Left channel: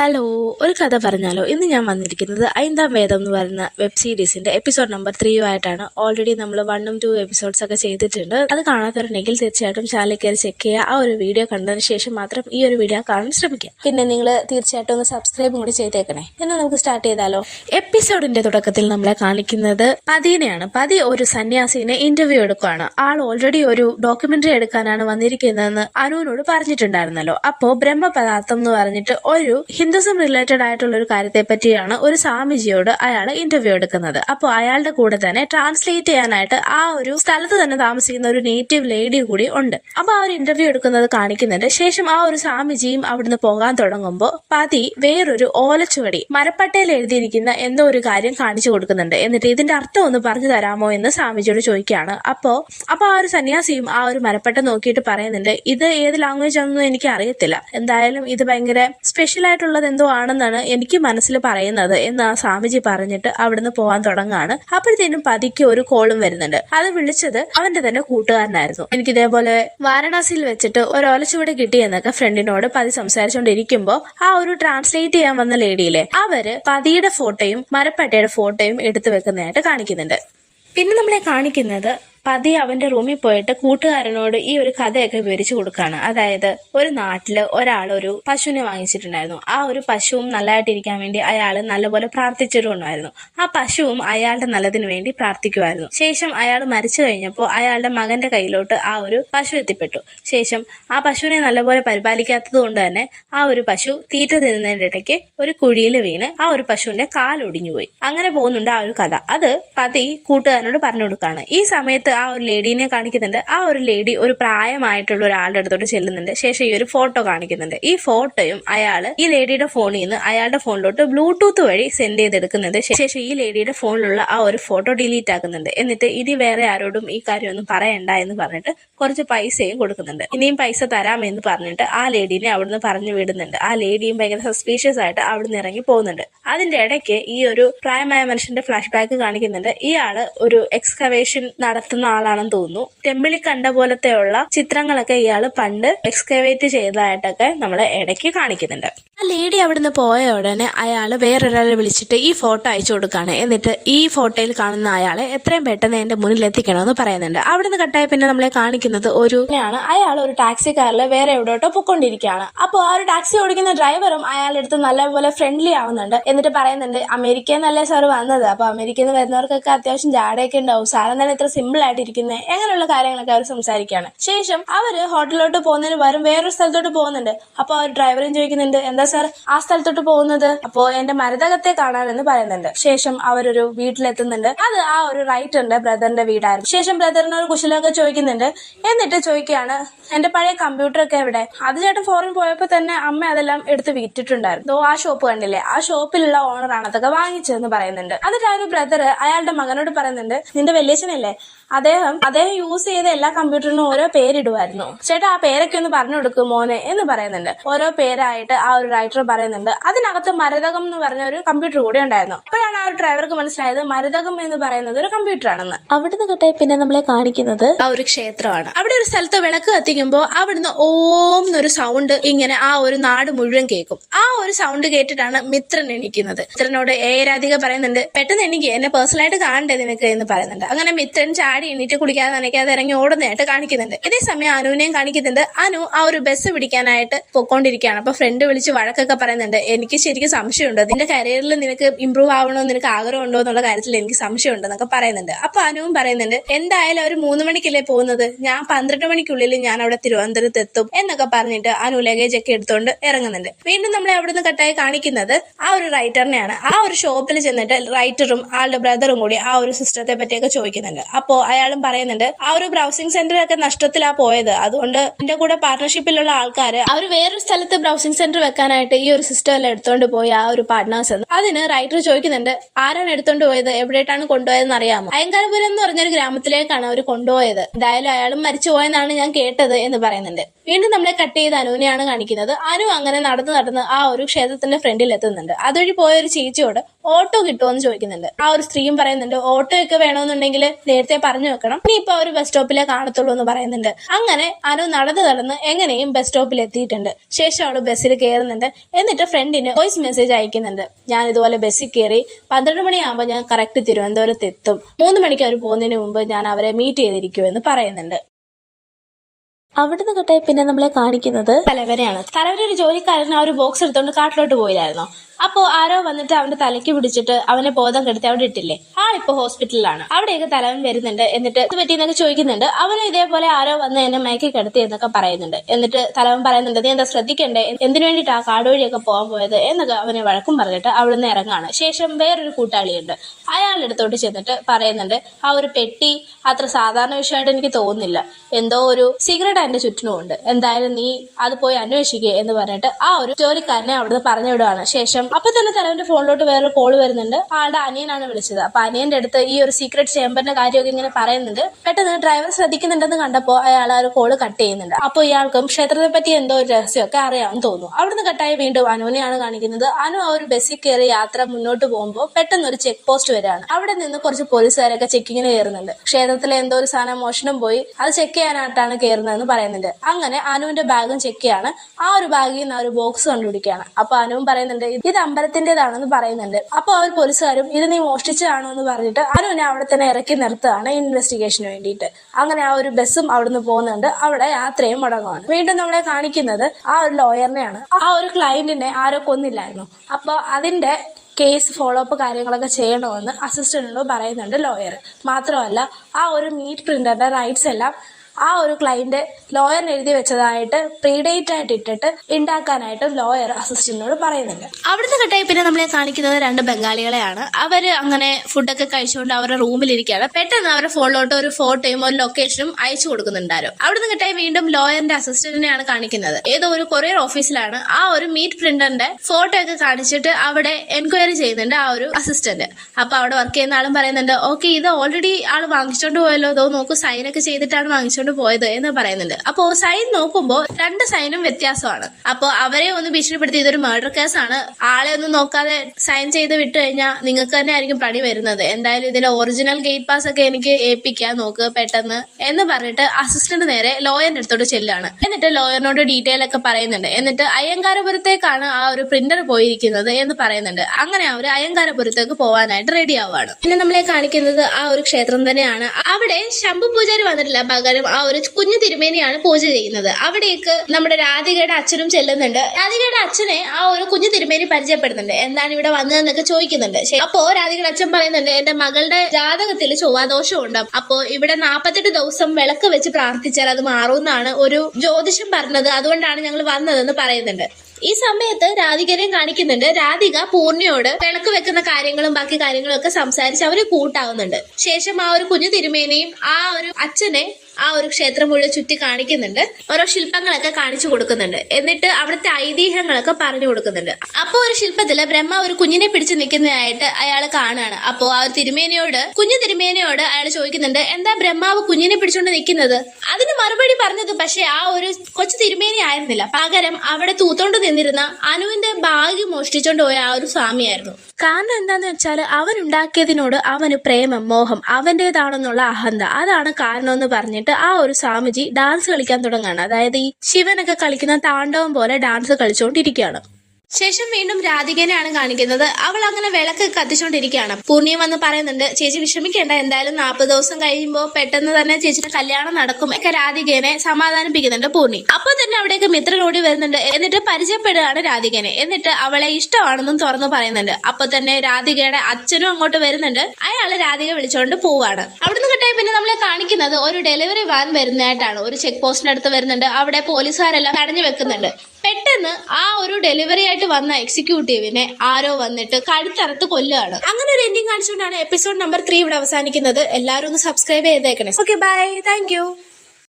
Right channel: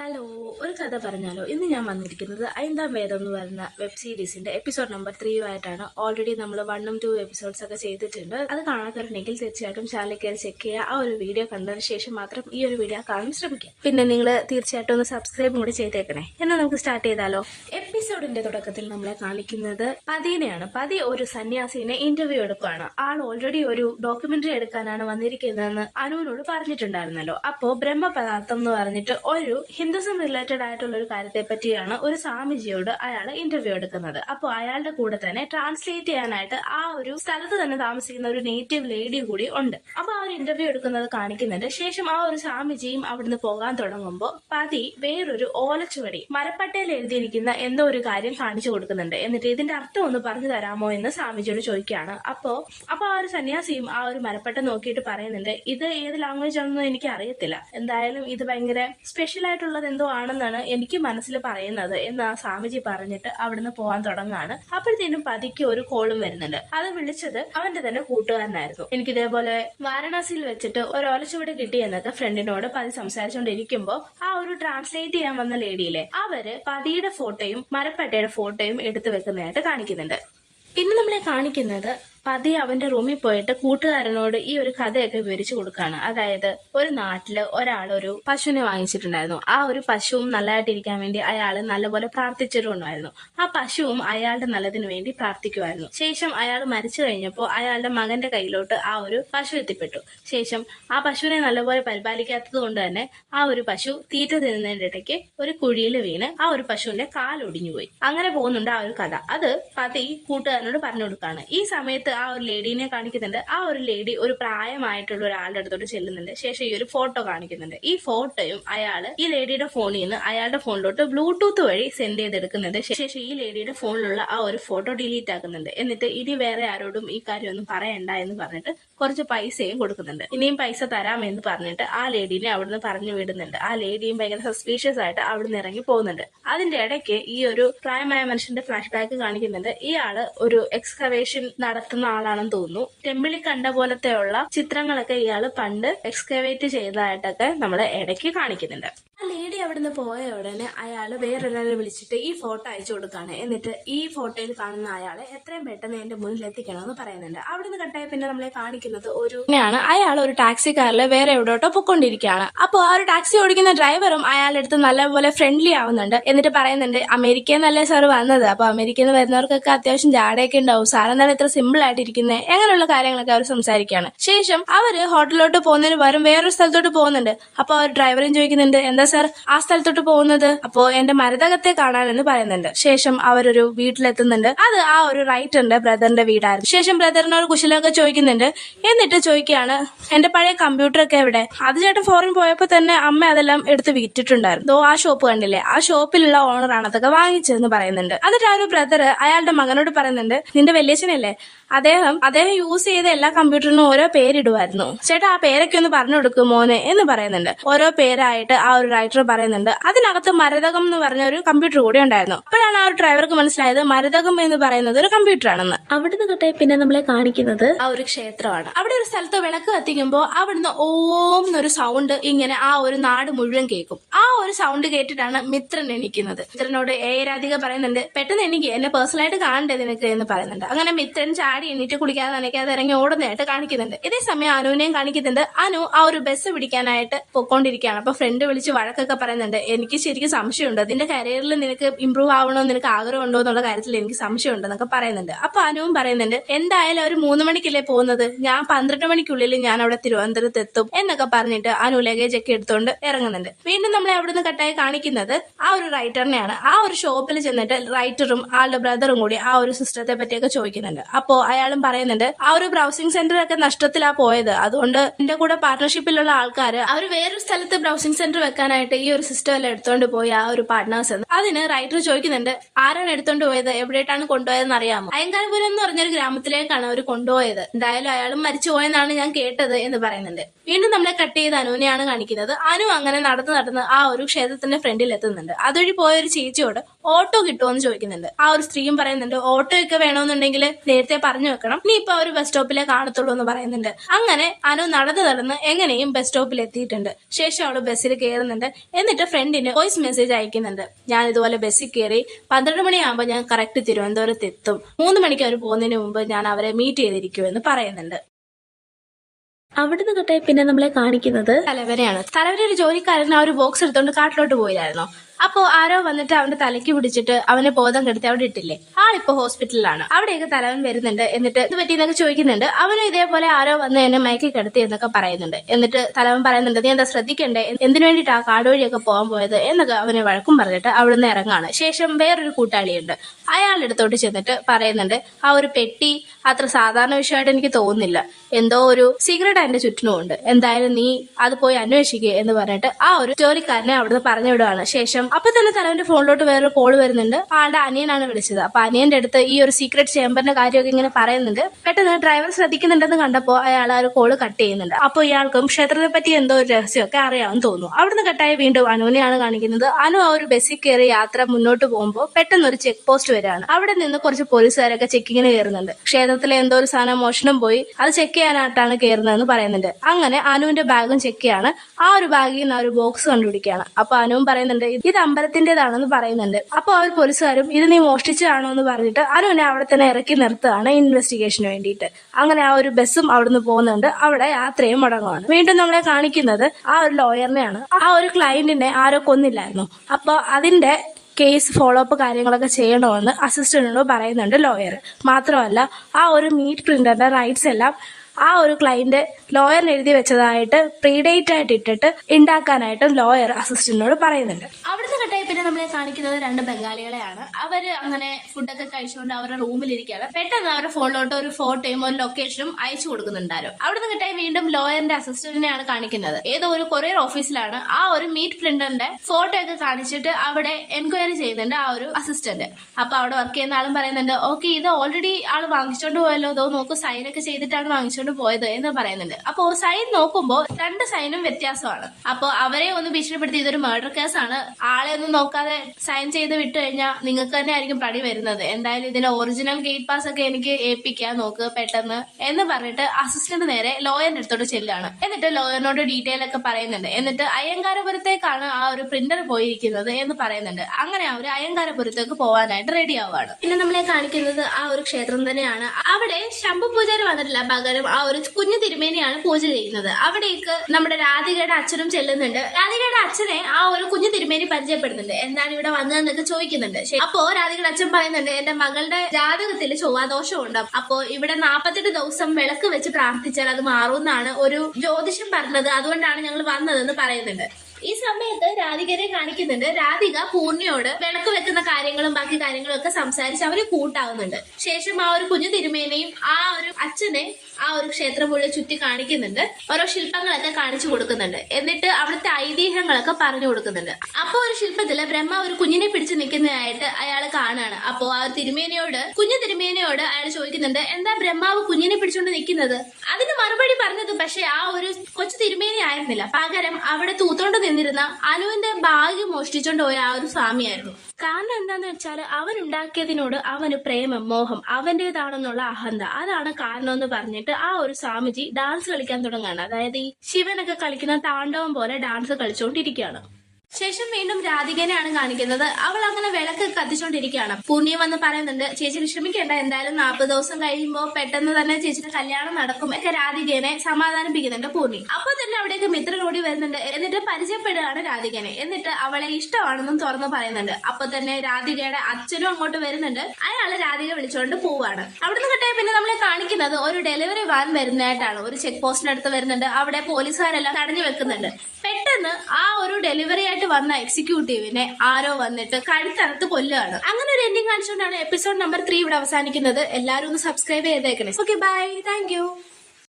Hello, ഒരു കഥ പറഞ്ഞാലോ. ഇന്ന് ഞാൻ വന്നിരിക്കുന്നത് ഐന്താം വേദം എന്ന് പറയുന്ന വെബ് സീരീസിന്റെ എപ്പിസോഡ് നമ്പർ 3 ആയിട്ടാണ്. ഓൾറെഡി നമ്മൾ 1ഉം 2 എപ്പിസോഡ്സ് ഒക്കെ ചെയ്തിട്ടുണ്ട്. അത് കാണാത്തവരുണ്ടെങ്കിൽ തീർച്ചയായിട്ടും ചാനലിൽ കയറി ചെക്ക് ചെയ്യുക. ആ ഒരു വീഡിയോ കണ്ടതിന് ശേഷം മാത്രം ഈ ഒരു വീഡിയോ കാണാൻ ശ്രമിക്കുക. പിന്നെ നിങ്ങൾ തീർച്ചയായിട്ടും ഒന്ന് സബ്സ്ക്രൈബും കൂടി ചെയ്തേക്കണേ. എന്നാൽ നമുക്ക് സ്റ്റാർട്ട് ചെയ്താലോ. എപ്പിസോഡിന്റെ തുടക്കത്തിൽ നമ്മളെ കാണിക്കുന്നത് പതിനെയാണ്. പതി ഒരു സന്യാസിനെ ഇന്റർവ്യൂ എടുക്കുകയാണ്. ആൾ ഓൾറെഡി ഒരു ഡോക്യുമെന്ററി എടുക്കാനാണ് വന്നിരിക്കുന്നതെന്ന് അനുവിനോട് പറഞ്ഞിട്ടുണ്ടായിരുന്നല്ലോ. അപ്പോ ബ്രഹ്മപദാർത്ഥം എന്ന് പറഞ്ഞിട്ട് ഒരു ഹിന്ദുസം റിലേറ്റഡ് ആയിട്ടുള്ള ഒരു കാര്യത്തെ പറ്റിയാണ് ഒരു സ്വാമിജിയോട് അയാൾ ഇന്റർവ്യൂ എടുക്കുന്നത്. അപ്പോൾ അയാളുടെ കൂടെ തന്നെ ട്രാൻസ്ലേറ്റ് ചെയ്യാനായിട്ട് ആ ഒരു സ്ഥലത്ത് തന്നെ താമസിക്കുന്ന ഒരു നേറ്റീവ് ലേഡി കൂടി ഉണ്ട്. അപ്പൊ ആ ഒരു ഇന്റർവ്യൂ എടുക്കുന്നത് കാണിക്കുന്നുണ്ട്. ശേഷം ആ ഒരു സ്വാമിജിയും അവിടുന്ന് പോകാൻ തുടങ്ങുമ്പോൾ പതി വേറൊരു ഓലച്ചുവടി മരപ്പട്ടയിൽ എഴുതിയിരിക്കുന്ന എന്തോ ഒരു കാര്യം കാണിച്ചു കൊടുക്കുന്നുണ്ട്. എന്നിട്ട് ഇതിന്റെ അർത്ഥം ഒന്ന് പറഞ്ഞു തരാമോ എന്ന് സ്വാമിജിയോട് ചോദിക്കുകയാണ്. അപ്പോ ആ ഒരു സന്യാസിയും ആ ഒരു മരപ്പട്ട നോക്കിയിട്ട് പറയുന്നുണ്ട്, ഇത് ഏത് ലാംഗ്വേജ് ആണെന്ന് എനിക്ക് അറിയത്തില്ല, എന്തായാലും ഇത് ഭയങ്കര സ്പെഷ്യൽ ആയിട്ടുള്ളത് എന്തോ ആണെന്നാണ് എനിക്ക് മനസ്സിൽ പറയുന്നത് എന്ന് ആ സ്വാമിജി പറഞ്ഞിട്ട് അവിടുന്ന് പോകാൻ തുടങ്ങാണ്. അപ്പോഴത്തേനും പതിക്ക് ഒരു കോളും വരുന്നുണ്ട്. അത് വിളിച്ചത് അവന്റെ തന്നെ കൂട്ടുകാരനായിരുന്നു. എനിക്ക് ഇതേപോലെ വാരണാസിയിൽ വെച്ചിട്ട് ഒരു ഓലച്ചുവടി കിട്ടിയെന്നൊക്കെ ഫ്രണ്ടിനോട് പതി സംസാരിച്ചുകൊണ്ടിരിക്കുമ്പോ ആ ഒരു ട്രാൻസ്ലേറ്റ് ചെയ്യാൻ വന്ന ലേഡിയിലെ അവര് പതിയുടെ ഫോട്ടോയും മരപ്പട്ടയുടെ ഫോട്ടോയും എടുത്തു വെക്കുന്നതായിട്ട് കാണിക്കുന്നുണ്ട്. പിന്നെ നമ്മളെ കാണിക്കുന്നത് പതി അവന്റെ റൂമിൽ പോയിട്ട് കൂട്ടുകാരനോട് ഈ ഒരു കഥയൊക്കെ വിവരിച്ചു കൊടുക്കുകയാണ്. അതായത് ഒരു നാട്ടില് ഒരാൾ ഒരു പശുവിനെ വാങ്ങിച്ചിട്ടുണ്ടായിരുന്നു. ആ ഒരു പശുവും നല്ലതായിട്ടിരിക്കാൻ വേണ്ടി അയാൾ നല്ലപോലെ പ്രാർത്ഥിച്ചിട്ടുണ്ടായിരുന്നു. ആ പശുവും അയാളുടെ നല്ലതിനു വേണ്ടി പ്രാർത്ഥിക്കുമായിരുന്നു. ശേഷം അയാൾ മരിച്ചു കഴിഞ്ഞപ്പോൾ അയാളുടെ മകന്റെ കയ്യിലോട്ട് ആ ഒരു പശു എത്തിപ്പെട്ടു. ശേഷം ആ പശുവിനെ നല്ലപോലെ പരിപാലിക്കാത്തത് കൊണ്ട് തന്നെ ആ ഒരു പശു തീറ്റ തിന്നുന്നതിന്റെ ഇടയ്ക്ക് ഒരു കുഴിയിൽ വീണ് ആ ഒരു പശുവിന്റെ കാലൊടിഞ്ഞുപോയി. അങ്ങനെ പോകുന്നുണ്ട് ആ ഒരു കഥ. അത് പതി കൂട്ടുകാരനോട് പറഞ്ഞു കൊടുക്കുകയാണ്. ഈ സമയത്ത് ആ ഒരു ലേഡീനെ കാണിക്കുന്നുണ്ട്. ആ ഒരു ലേഡി ഒരു പ്രായമായിട്ടുള്ള ഒരാളുടെ അടുത്തോട്ട് ചെല്ലുന്നുണ്ട്. ശേഷം ഈ ഒരു ഫോട്ടോ കാണിക്കുന്നുണ്ട്. ഈ ഫോട്ടോയും അയാള് ഈ ലേഡിയുടെ ഫോണിൽ നിന്ന് അയാളുടെ ഫോണിലോട്ട് ബ്ലൂടൂത്ത് വഴി സെൻഡ് ചെയ്തെടുക്കുന്നുണ്ട്. ശേഷം ഈ ലേഡിയുടെ ഫോണിലുള്ള ആ ഒരു ഫോട്ടോ ഡിലീറ്റ് ആക്കുന്നുണ്ട്. എന്നിട്ട് ഇനി വേറെ ആരോടും ഈ കാര്യമൊന്നും പറയണ്ട എന്ന് പറഞ്ഞിട്ട് കുറച്ച് പൈസയും കൊടുക്കുന്നുണ്ട്. ഇനിയും പൈസ തരാമെന്ന് പറഞ്ഞിട്ട് ആ ലേഡീനെ അവിടുന്ന് പറഞ്ഞു വിടുന്നുണ്ട്. ആ ലേഡിയും ഭയങ്കര സസ്പീഷ്യസ് ആയിട്ട് അവിടുന്ന് ഇറങ്ങി പോകുന്നുണ്ട്. അതിന്റെ ഇടയ്ക്ക് ഈ ഒരു പ്രായമായ മനുഷ്യന്റെ ഫ്ലാഷ് ബാക്ക് കാണിക്കുന്നുണ്ട്. ഇയാള് ഒരു എക്സ്കവേഷൻ നടത്തുന്ന ആളാണെന്ന് തോന്നുന്നു. ടെമ്പിളിൽ കണ്ട പോലത്തെയുള്ള ചിത്രങ്ങളൊക്കെ ഇയാള് പണ്ട് എക്സ്കവേറ്റ് ചെയ്തതായിട്ടൊക്കെ നമ്മളെ ഇടയ്ക്ക് കാണിക്കുന്നുണ്ട്. ആ ലേഡി അവിടുന്ന് പോയ ഉടനെ അയാള് വേറൊരാളെ വിളിച്ചിട്ട് ഈ ഫോട്ടോ അയച്ചു കൊടുക്കാണ്. എന്നിട്ട് ഈ ഫോട്ടോയിൽ കാണുന്ന അയാളെ എത്രയും പെട്ടെന്ന് എന്റെ മുന്നിൽ എത്തിക്കണമെന്ന് പറയുന്നുണ്ട്. അവിടുന്ന് കട്ടായ പിന്നെ നമ്മളെ കാണിക്കുന്നത് അയാൾ ഒരു ടാക്സി കാറിൽ വേറെ എവിടോട്ടോ പൊക്കൊണ്ടിരിക്കുകയാണ്. അപ്പോൾ ആ ഒരു ടാക്സി ഓടിക്കുന്ന ഡ്രൈവറും അയാളുടെ അടുത്ത് നല്ലപോലെ ഫ്രണ്ട്ലി ആവുന്നുണ്ട്. എന്നിട്ട് പറയുന്നുണ്ട്, അമേരിക്കയിൽ നിന്നല്ലേ സാർ വന്നത്, അപ്പൊ അമേരിക്കയിൽ നിന്ന് വരുന്നവർക്കൊക്കെ അത്യാവശ്യം ജാടയൊക്കെ ഉണ്ടാവും, സാറെന്താണ് ഇത്ര സിമ്പിൾ ആയിട്ടിരിക്കുന്നത്, അങ്ങനെയുള്ള കാര്യങ്ങളൊക്കെ അവർ സംസാരിക്കുകയാണ്. ശേഷം അവര് ഹോട്ടലിലോട്ട് പോകുന്നതിന് പകരം വേറൊരു സ്ഥലത്തോട്ട് പോകുന്നുണ്ട്. അപ്പൊ ആ ഡ്രൈവറും ചോദിക്കുന്നുണ്ട്, എന്താ സാർ ആ സ്ഥലത്തോട്ട് പോകുന്നത്? അപ്പോ എന്റെ മരതകത്തെ കാണാനെന്ന് പറയുന്നുണ്ട്. ശേഷം അവരൊരു വീട്ടിലെത്തുന്നുണ്ട്. അത് ആ ഒരു റൈറ്ററിന്റെ ബ്രദറിന്റെ വീടായിരുന്നു. ശേഷം ബ്രദറിനോട് കുശലൊക്കെ ചോദിക്കുന്നുണ്ട്. എന്നിട്ട് ചോദിക്കുകയാണ്, എന്റെ പഴയ കമ്പ്യൂട്ടർ ഒക്കെ എവിടെ? അത് ചേട്ടൻ ഫോറിൻ പോയപ്പോ തന്നെ അമ്മ അതെല്ലാം എടുത്ത് വിറ്റിട്ടുണ്ടായിരുന്നു. ആ ഷോപ്പ് കണ്ടില്ലേ, ആ ഷോപ്പിലുള്ള ഓണറാണ് അതൊക്കെ വാങ്ങിച്ചതെന്ന് പറയുന്നുണ്ട്. എന്നിട്ട് ആ ഒരു ബ്രദർ അയാളുടെ മകനോട് പറയുന്നുണ്ട്, നിന്റെ വലിയച്ഛനല്ലേ, അദ്ദേഹം യൂസ് ചെയ്ത എല്ലാ കമ്പ്യൂട്ടറിനും ഓരോ പേരിടുമായിരുന്നു, ചേട്ടാ ആ പേരൊക്കെ ഒന്ന് പറഞ്ഞു കൊടുക്കും മോനെ എന്ന് പറയുന്നുണ്ട്. ഓരോ പേരായിട്ട് ആ ഒരു റൈറ്റർ പറയുന്നുണ്ട്. അതിനകത്ത് മരതകം എന്ന് പറഞ്ഞ ഒരു കമ്പ്യൂട്ടർ കൂടി ഉണ്ടായിരുന്നു. അപ്പോഴാണ് ആ ഒരു ഡ്രൈവർക്ക് മനസ്സിലായത് മരതകം എന്ന് പറയുന്നത് ഒരു കമ്പ്യൂട്ടർ ആണെന്ന്. അവിടുന്ന് തൊട്ടേ പിന്നെ നമ്മളെ കാണിക്കുന്നത് ആ ഒരു ക്ഷേത്രമാണ്. അവിടെ ഒരു സ്ഥലത്ത് വിളക്ക് കത്തിക്കുമ്പോൾ അവിടുന്ന് ഓം എന്നൊരു സൗണ്ട് ഇങ്ങനെ ആ ഒരു നാട് മുഴുവൻ കേൾക്കും. ആ ഒരു സൗണ്ട് കേട്ടിട്ടാണ് മിത്രൻ എണീക്കുന്നത്. മിത്രനോട് രാധിക പറയുന്നുണ്ട്, പെട്ടെന്ന് എനിക്ക് എന്നെ പേഴ്സണലായിട്ട് കാണണ്ടേ നിനക്ക് എന്ന് പറയുന്നുണ്ട്. അങ്ങനെ മിത്രൻ ചാടി എണീറ്റ് കുളിക്കാതെ നനയ്ക്കാതെ ഇറങ്ങി ഓടുന്നതായിട്ട് കാണിക്കുന്നുണ്ട്. ഇതേ സമയം അനുവിനെയും കാണിക്കുന്നുണ്ട്. അനു ആ ഒരു ബസ് പിടിക്കാനായിട്ട് പൊക്കോണ്ടിരിക്കുകയാണ്. അപ്പൊ ഫ്രണ്ട് വിളിച്ച് വഴക്കൊക്കെ പറയുന്നുണ്ട്, എനിക്ക് ശരിക്കും സംശയമുണ്ട്, നിന്റെ കരിയറിൽ നിനക്ക് ഇമ്പ്രൂവ് ആവണോ, നിനക്ക് ആഗ്രഹം ഉണ്ടോ എന്നുള്ള കാര്യത്തിൽ എനിക്ക് സംശയമുണ്ട് എന്നൊക്കെ പറയുന്നുണ്ട്. അപ്പൊ അനുവും പറയുന്നുണ്ട്, എന്തായാലും ഒരു 3 മണിക്കല്ലേ പോകുന്നത്, ഞാൻ 12 മണിക്കുള്ളിൽ ഞാൻ അവിടെ തിരുവനന്തപുരത്ത് എത്തും എന്നൊക്കെ പറഞ്ഞിട്ട് അനു ലഗേജ് ഒക്കെ എടുത്തുകൊണ്ട് ഇറങ്ങുന്നുണ്ട്. വീണ്ടും നമ്മളെ അവിടുന്ന് കട്ടായി കാണിക്കുന്നത് ആ ഒരു റൈറ്ററിനെയാണ്. ആ ഒരു ഷോപ്പിൽ ചെന്നിട്ട് റൈറ്ററും ആളുടെ ബ്രദറും കൂടി ആ ഒരു സിസ്റ്റത്തെ പറ്റിയൊക്കെ ചോദിക്കുന്നുണ്ട്. അപ്പോ അയാളും പറയുന്നുണ്ട്, ആ ഒരു ബ്രൗസിംഗ് സെന്റർ ഒക്കെ നഷ്ടത്തിലാ പോയത്, അതുകൊണ്ട് എന്റെ കൂടെ പാർട്ണർഷിപ്പിലുള്ള ആൾക്കാര് അവർ വേറൊരു സ്ഥലത്ത് ബ്രൗസിംഗ് സെന്റർ വെക്കാനായിട്ട് ഈ ഒരു സിസ്റ്റം എല്ലാം എടുത്തോണ്ട് പോയി ആ ഒരു പാർട്ട്നേഴ്സ് എന്ന്. അതിന് റൈറ്റർ ചോദിക്കുന്നുണ്ട്, ആരാണ് എടുത്തോണ്ട് പോയത്, എവിടേട്ടാണ് കൊണ്ടുപോയതെന്ന് അറിയാമോ? അയങ്കാരപുരം എന്ന് പറഞ്ഞൊരു ഗ്രാമത്തിലേക്കാണ് അവർ കൊണ്ടുപോയത്, എന്തായാലും അയാളും മരിച്ചു പോയെന്നാണ് ഞാൻ കേട്ടത് എന്ന് പറയുന്നുണ്ട്. വീണ്ടും നമ്മളെ കട്ട് ചെയ്ത് അനുവിനെയാണ് കാണിക്കുന്നത്. അനു അങ്ങനെ നടന്ന് ആ ഒരു ക്ഷേത്രത്തിന്റെ ഫ്രണ്ടിൽ എത്തുന്നുണ്ട്. അതുവഴി പോയ ഒരു ചേച്ചിയോട് ഓട്ടോ കിട്ടുമോ എന്ന് ചോദിക്കുന്നുണ്ട്. ആ ഒരു സ്ത്രീയും പറയുന്നുണ്ട് ഓട്ടോ ഒക്കെ വേണമെന്നുണ്ടെങ്കിൽ നേരത്തെ പറഞ്ഞു വെക്കണം, ഇനിയിപ്പോ ഒരു ബസ് സ്റ്റോപ്പിലെ കാണത്തുള്ളൂ എന്ന് പറയുന്നുണ്ട്. അങ്ങനെ അനു നടന്ന് എങ്ങനെയും ബസ് സ്റ്റോപ്പിൽ എത്തിയിട്ടുണ്ട്. ശേഷം അവള് ബസ്സിൽ കയറുന്നുണ്ട്. എന്നിട്ട് ഫ്രണ്ടിന് വോയിസ് മെസ്സേജ് അയക്കുന്നുണ്ട്. ഞാൻ ഇതുപോലെ ബസ്സിൽ കയറി 12 മണിയാകുമ്പോൾ ഞാൻ കറക്റ്റ് തിരുവനന്തപുരത്ത് എത്തും, 3 മണിക്ക് അവർ പോകുന്നതിന് മുമ്പ് ഞാൻ അവരെ മീറ്റ് ചെയ്തിരിക്കുമെന്ന് പറയുന്നുണ്ട്. അവിടുന്ന് കട്ടെ പിന്നെ നമ്മളെ കാണിക്കുന്നത് തലവരെയാണ്. തലവര ഒരു ജോലിക്കാരൻ ആ ഒരു ബോക്സ് എടുത്തോണ്ട് കാട്ടിലോട്ട് പോയില്ലായിരുന്നോ? അപ്പോ ആരോ വന്നിട്ട് അവന്റെ തലയ്ക്ക് പിടിച്ചിട്ട് അവനെ ബോധം കെടുത്തി അവിടെ ഇട്ടില്ലേ, ആളിപ്പോ ഹോസ്പിറ്റലിലാണ്. അവിടെയൊക്കെ തലവൻ വരുന്നുണ്ട്. എന്നിട്ട് ഇത് പറ്റിയെന്നൊക്കെ ചോദിക്കുന്നുണ്ട്. അവനും ഇതേപോലെ ആരോ വന്ന് എന്നെ മയക്കി കിടത്തി എന്നൊക്കെ പറയുന്നുണ്ട്. എന്നിട്ട് തലവൻ പറയുന്നുണ്ട് നീ എന്താ ശ്രദ്ധിക്കണ്ടേ, എന്തിനു വേണ്ടിയിട്ട് ആ കാട് വഴിയൊക്കെ പോകാൻ പോയത് എന്നൊക്കെ അവനെ വഴക്കും പറഞ്ഞിട്ട് അവിടുന്ന് ഇറങ്ങാണ്. ശേഷം വേറൊരു കൂട്ടാളിയുണ്ട്, അയാളുടെ അടുത്തോട്ട് ചെന്നിട്ട് പറയുന്നുണ്ട് ആ ഒരു പെട്ടി അത്ര സാധാരണ വിഷയമായിട്ട് എനിക്ക് തോന്നുന്നില്ല, എന്തോ ഒരു സിഗരറ്റ് അതിന്റെ ചുറ്റിനുമുണ്ട്, എന്തായാലും നീ അത് പോയി അന്വേഷിക്കുക എന്ന് പറഞ്ഞിട്ട് ആ ഒരു ജോലിക്കാരനെ അവിടുന്ന് പറഞ്ഞു വിടുവാണ്. ശേഷം അപ്പൊ തന്നെ തലവന്റെ ഫോണിലോട്ട് വേറൊരു കോള് വരുന്നുണ്ട്. ആളുടെ അനിയനാണ് വിളിച്ചത്. അപ്പൊ അനിയന്റെ അടുത്ത് ഈ ഒരു സീക്രട്ട് ചേമ്പറിന്റെ കാര്യമൊക്കെ ഇങ്ങനെ പറയുന്നുണ്ട്. പെട്ടെന്ന് ഡ്രൈവർ ശ്രദ്ധിക്കുന്നുണ്ടെന്ന് കണ്ടപ്പോ അയാൾ ആ ഒരു കോള് കട്ട് ചെയ്യുന്നുണ്ട്. അപ്പൊ ഇയാൾക്കും ക്ഷേത്രത്തെ പറ്റി എന്തോ ഒരു രഹസ്യമൊക്കെ അറിയാമെന്ന് തോന്നുന്നു. അവിടുന്ന് കട്ടായി വീണ്ടും അനുവിനെയാണ് കാണിക്കുന്നത്. അനു ആ ഒരു ബസ്സിൽ കയറി യാത്ര മുന്നോട്ട് പോകുമ്പോൾ പെട്ടെന്ന് ഒരു ചെക്ക് പോസ്റ്റ് വരാണ്. അവിടെ നിന്ന് കുറച്ച് പോലീസുകാരൊക്കെ ചെക്കിങ്ങിന് കയറുന്നുണ്ട്. ക്ഷേത്രത്തിലെ എന്തോ ഒരു സാധനം മോഷണം പോയി അത് ചെക്ക് ചെയ്യാനായിട്ടാണ് കയറുന്നതെന്ന് പറയുന്നുണ്ട്. അങ്ങനെ അനുവിന്റെ ബാഗും ചെക്ക് ചെയ്യാണ്. ആ ഒരു ബാഗിൽ നിന്ന് ആ ഒരു ബോക്സ് കണ്ടുപിടിക്കുകയാണ്. അപ്പൊ അനുവും പറയുന്നുണ്ട് ഇത് അമ്പലത്തിന്റേതാണെന്ന് പറയുന്നുണ്ട്. അപ്പൊ ആ ഒരു പോലീസുകാരും ഇത് നീ മോഷ്ടിച്ചതാണോ എന്ന് പറഞ്ഞിട്ട് അനുവിനെ അവിടെ തന്നെ ഇറക്കി നിർത്തുകയാണ് ഇൻവെസ്റ്റിഗേഷന് വേണ്ടിയിട്ട്. അങ്ങനെ ആ ഒരു ബസ്സും അവിടുന്ന് പോകുന്നുണ്ട്. അവിടെ യാത്രയും മുടങ്ങുവാണ്. വീണ്ടും നമ്മളെ കാണിക്കുന്നത് ആ ഒരു ലോയറിനെയാണ്. ആ ഒരു ക്ലയന്റിനെ ആരോ കൊന്നില്ലായിരുന്നു. അപ്പൊ അതിന്റെ കേസ് ഫോളോ അപ്പ് കാര്യങ്ങളൊക്കെ ചെയ്യണമെന്ന് അസിസ്റ്റന്റിനോട് പറയുന്നുണ്ട് ലോയർ. മാത്രമല്ല ആ ഒരു മീറ്റ് പ്രിന്ററിന്റെ റൈറ്റ്സ് എല്ലാം ആ ഒരു ക്ലയന്റ് ലോയറിന് എഴുതി വെച്ചതായിട്ട് പ്രീഡേറ്റ് ആയിട്ട് ഇട്ടിട്ട് ഉണ്ടാക്കാനായിട്ട് ലോയർ അസിസ്റ്റന്റിനോട് പറയുന്നുണ്ട്. അവിടുന്ന് കട്ടായി പിന്നെ നമ്മളെ കാണിക്കുന്നത് 2 ബംഗാളികളെയാണ്. അവര് അങ്ങനെ ഫുഡൊക്കെ കഴിച്ചുകൊണ്ട് അവരുടെ റൂമിലിരിക്കുകയാണ്. പെട്ടെന്ന് അവരുടെ ഫോണിലോട്ട് ഒരു ഫോട്ടോയും ഒരു ലൊക്കേഷനും അയച്ചു കൊടുക്കുന്നുണ്ടായിരുന്നു. അവിടുന്ന് കട്ടായി വീണ്ടും ലോയറിന്റെ അസിസ്റ്റന്റിനെയാണ് കാണിക്കുന്നത്. ഏതോ ഒരു കൊറിയർ ഓഫീസിലാണ് ആ ഒരു മീറ്റ് പ്രിന്ററിന്റെ ഫോട്ടോ ഒക്കെ കാണിച്ചിട്ട് അവിടെ എൻക്വയറി ചെയ്യുന്നുണ്ട് ആ ഒരു അസിസ്റ്റന്റ്. അപ്പൊ അവിടെ വർക്ക് ചെയ്യുന്ന ആളും പറയുന്നുണ്ട് ഓക്കെ ഇത് ഓൾറെഡി ആള് വാങ്ങിച്ചോണ്ട് പോയല്ലോ, അതോ നോക്കൂ സൈനൊക്കെ ചെയ്തിട്ടാണ് വാങ്ങിച്ചോണ്ട് പോയത് എന്ന് പറയുന്നുണ്ട്. അപ്പോ സൈൻ നോക്കുമ്പോൾ 2 സൈനും വ്യത്യാസമാണ്. അപ്പൊ അവരെ ഒന്ന് ഭീഷണിപ്പെടുത്തി ഇതൊരു മർഡർ കേസാണ്, ആളെ ഒന്നും നോക്കാതെ സൈൻ ചെയ്ത് വിട്ടു കഴിഞ്ഞാൽ നിങ്ങൾക്ക് തന്നെ ആയിരിക്കും പണി വരുന്നത്, എന്തായാലും ഇതിന്റെ ഒറിജിനൽ ഗേറ്റ് പാസ് ഒക്കെ എനിക്ക് ഏൽപ്പിക്കാൻ നോക്ക് പെട്ടെന്ന് എന്ന് പറഞ്ഞിട്ട് അസിസ്റ്റന്റ് നേരെ ലോയറിന്റെ അടുത്തോട്ട് ചെല്ലാണ്. എന്നിട്ട് ലോയറിനോട് ഡീറ്റെയിൽ ഒക്കെ പറയുന്നുണ്ട്. എന്നിട്ട് അയ്യങ്കാരപുരത്തേക്കാണ് ആ ഒരു പ്രിന്റർ പോയിരിക്കുന്നത് എന്ന് പറയുന്നുണ്ട്. അങ്ങനെ അവർ അയ്യങ്കാരപുരത്തേക്ക് പോവാനായിട്ട് റെഡി ആവുകയാണ്. പിന്നെ നമ്മളെ കാണിക്കുന്നത് ആ ഒരു ക്ഷേത്രം തന്നെയാണ്. അവിടെ ശംഭു പൂജാരി വന്നിട്ടില്ല, പകരം ആ ഒരു കുഞ്ഞു തിരുമേനിയാണ് പൂജ ചെയ്യുന്നത്. അവിടേക്ക് നമ്മുടെ രാധികയുടെ അച്ഛനും ചെല്ലുന്നുണ്ട്. രാധികയുടെ അച്ഛനെ ആ ഒരു കുഞ്ഞു തിരുമേനി പരിചയപ്പെടുന്നുണ്ട്. എന്താണ് ഇവിടെ വന്നതെന്നൊക്കെ ചോദിക്കുന്നുണ്ട്. അപ്പോ രാധികയുടെ അച്ഛൻ പറയുന്നുണ്ട് എന്റെ മകളുടെ ജാതകത്തിൽ ചൊവ്വാദോഷമുണ്ട്, അപ്പോ ഇവിടെ 48 ദിവസം വിളക്ക് വെച്ച് പ്രാർത്ഥിച്ചാൽ അത് മാറുമെന്നാണ് ഒരു ജ്യോതിഷം പറഞ്ഞത്, അതുകൊണ്ടാണ് ഞങ്ങൾ വന്നതെന്ന് പറയുന്നുണ്ട്. ഈ സമയത്ത് രാധികനെ കാണിക്കുന്നുണ്ട്. രാധിക പൂർണിയോട് വിളക്ക് വെക്കുന്ന കാര്യങ്ങളും ബാക്കി കാര്യങ്ങളും ഒക്കെ സംസാരിച്ച് അവര് കൂട്ടാവുന്നുണ്ട്. ശേഷം ആ ഒരു കുഞ്ഞു തിരുമേനിയും ആ ഒരു അച്ഛനെ ആ ഒരു ക്ഷേത്രം മുഴുവൻ ചുറ്റി കാണിക്കുന്നുണ്ട്. ഓരോ ശില്പങ്ങളൊക്കെ കാണിച്ചു കൊടുക്കുന്നുണ്ട്. എന്നിട്ട് അവിടുത്തെ ഐതിഹ്യങ്ങളൊക്കെ പറഞ്ഞു കൊടുക്കുന്നുണ്ട്. അപ്പൊ ഒരു ശില്പത്തില് ബ്രഹ്മ ഒരു കുഞ്ഞിനെ പിടിച്ചു നിൽക്കുന്നതായിട്ട് അയാൾ കാണുകയാണ്. അപ്പോ ആ ഒരു കുഞ്ഞു തിരുമേനിയോട് അയാൾ ചോദിക്കുന്നുണ്ട് എന്താ ബ്രഹ്മാവ് കുഞ്ഞിനെ പിടിച്ചോണ്ട് നിൽക്കുന്നത്? അതിന് മറുപടി പറഞ്ഞത് പക്ഷെ ആ ഒരു കൊച്ചു തിരുമേനി ആയിരുന്നില്ല, പകരം അവിടെ തൂത്തോണ്ട് നിന്നിരുന്ന അനുവിന്റെ ഭാഗ്യം മോഷ്ടിച്ചോണ്ട് പോയ ആ ഒരു സ്വാമിയായിരുന്നു. കാരണം എന്താന്ന് വെച്ചാൽ അവൻ ഉണ്ടാക്കിയതിനോട് അവന് പ്രേമം മോഹം അവന്റേതാണെന്നുള്ള അഹന്ത, അതാണ് കാരണമെന്ന് പറഞ്ഞിട്ട് ആ ഒരു സ്വാമിജി ഡാൻസ് കളിക്കാൻ തുടങ്ങാണ്. അതായത് ഈ ശിവനൊക്കെ കളിക്കുന്ന താണ്ഡവം പോലെ ഡാൻസ് കളിച്ചുകൊണ്ടിരിക്കുകയാണ്. ശേഷം വീണ്ടും രാധികനെയാണ് കാണിക്കുന്നത്. അവൾ അങ്ങനെ വിളക്ക് കത്തിച്ചോണ്ടിരിക്കുകയാണ്. പൂർണിയ വന്ന് പറയുന്നുണ്ട് ചേച്ചി വിഷമിക്കേണ്ട, എന്തായാലും 40 ദിവസം കഴിയുമ്പോൾ പെട്ടെന്ന് തന്നെ ചേച്ചിയുടെ കല്യാണം നടക്കും ഒക്കെ രാധികനെ സമാധാനിപ്പിക്കുന്നുണ്ട് പൂർണി. അപ്പൊ തന്നെ അവിടേക്ക് മിത്രൻ ഓടി വരുന്നുണ്ട്. എന്നിട്ട് പരിചയപ്പെടുകയാണ് രാധികനെ. എന്നിട്ട് അവളെ ഇഷ്ടമാണെന്നും തുറന്നു പറയുന്നുണ്ട്. അപ്പൊ തന്നെ രാധികയുടെ അച്ഛനും അങ്ങോട്ട് വരുന്നുണ്ട്. അയാള് രാധിക വിളിച്ചോണ്ട് പോവാണ്. അവിടുന്ന് കിട്ടിയ പിന്നെ നമ്മളെ കാണിക്കുന്നത് ഒരു ഡെലിവറി വാൻ വരുന്നതായിട്ടാണ്. ഒരു ചെക്ക് പോസ്റ്റിന്റെ അടുത്ത് വരുന്നുണ്ട്. അവിടെ പോലീസുകാരെല്ലാം തടഞ്ഞു വെക്കുന്നുണ്ട്. പെട്ടെന്ന് ആ ഒരു ഡെലിവറി ആയിട്ട് വന്ന എക്സിക്യൂട്ടീവിനെ ആരോ വന്നിട്ട് കഴുത്തറുത്ത് കൊല്ലുകയാണ്. അങ്ങനെ ഒരു എൻഡിങ് കാണിച്ചുകൊണ്ടാണ് എപ്പിസോഡ് നമ്പർ 3 ഇവിടെ അവസാനിക്കുന്നത്. എല്ലാവരും ഒന്ന് സബ്സ്ക്രൈബ് ചെയ്തേക്കണേ. Okay bye, thank you.